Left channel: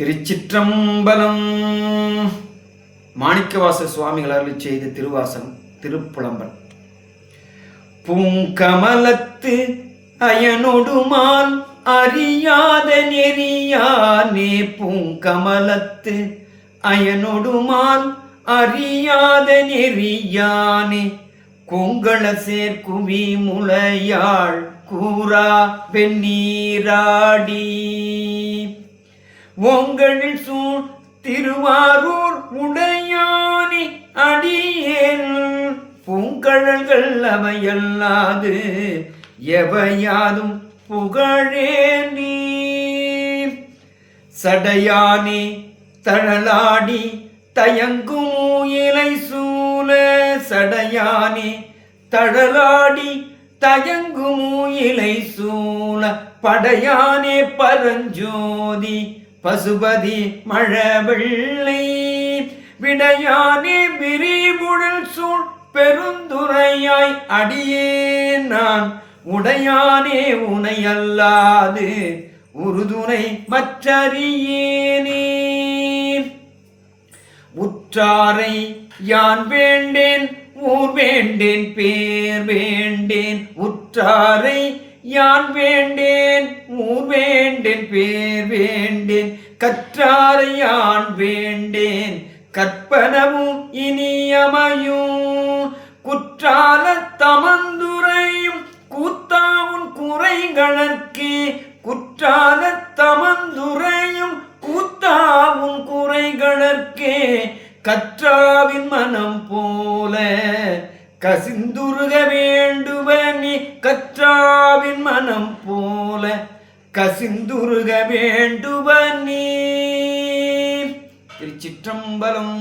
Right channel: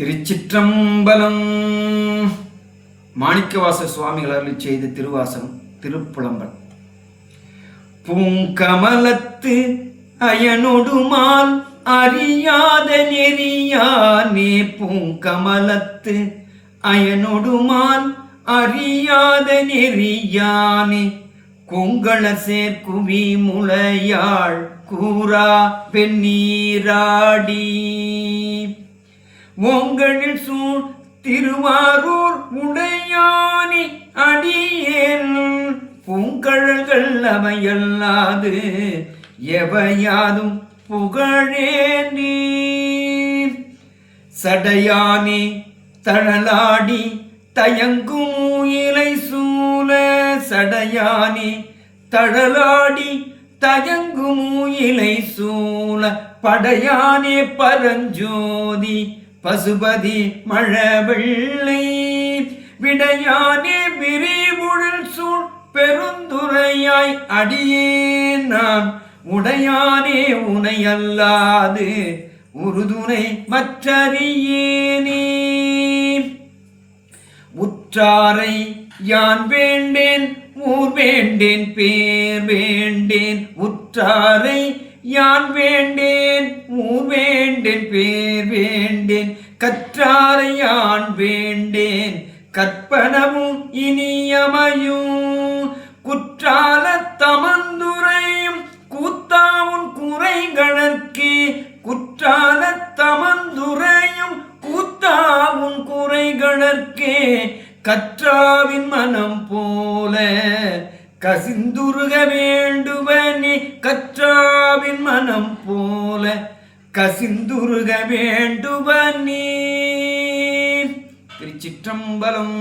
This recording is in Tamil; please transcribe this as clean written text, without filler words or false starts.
திருச்சிற்றம்பலம். மாணிக்கவாச சுவாமிகள் அருளிச் செய்த திருவாசகம் திருப்புலம்பல். பூங்கமலத்து அயனொடுமால் அறியாத நெறியானே, பூங்கமலத்து அயனொடுமால் அறியாத நெறியானே, கொங்கள சேர்க்குவி முளையாள் கூறா வெந்நீராடி, ஓங்களில் சூழ் திருவாரூர் உடையானி அடியேன், பூங்கழல்கள் அவையல்லாது எவையாதும் புகழேனே. சடையானே தழலாடி தயங்கும் இலை சூழ, சடையானே தழலாடி தயங்கும் இலை சூழ, படையானே பரஞ்சோதி பசுபதி மழவெள்ளை, விடையானே விரிமுழல் சூழ் பெருந்துரையாய் அடியேன் நான், உடையானே உனையல்லாது உறுதுணை மற்றறியேனே. உற்றாரை யான் வேண்டேன் ஊர் வேண்டேன் பேர் வேண்டேன், உற்றாரை யான் வேண்டேன் ஊர் வேண்டேன் பேர் வேண்டேன், கற்றாரை யான் வேண்டேன் கற்பனவும் இனியமையும், குற்றால தமந்துரையும் கூத்தாவும் குறைகளற்கே, குற்றால தமந்துரையும் கூத்தாவும் குறைகளற்கே, கற்றாவின் மனம் போல கசிந்துருக வேண்டுவனே, கற்றாவின் மனம் போல கசிந்துருக வேண்டுவனே. திருச்சிற்றம்பலம்.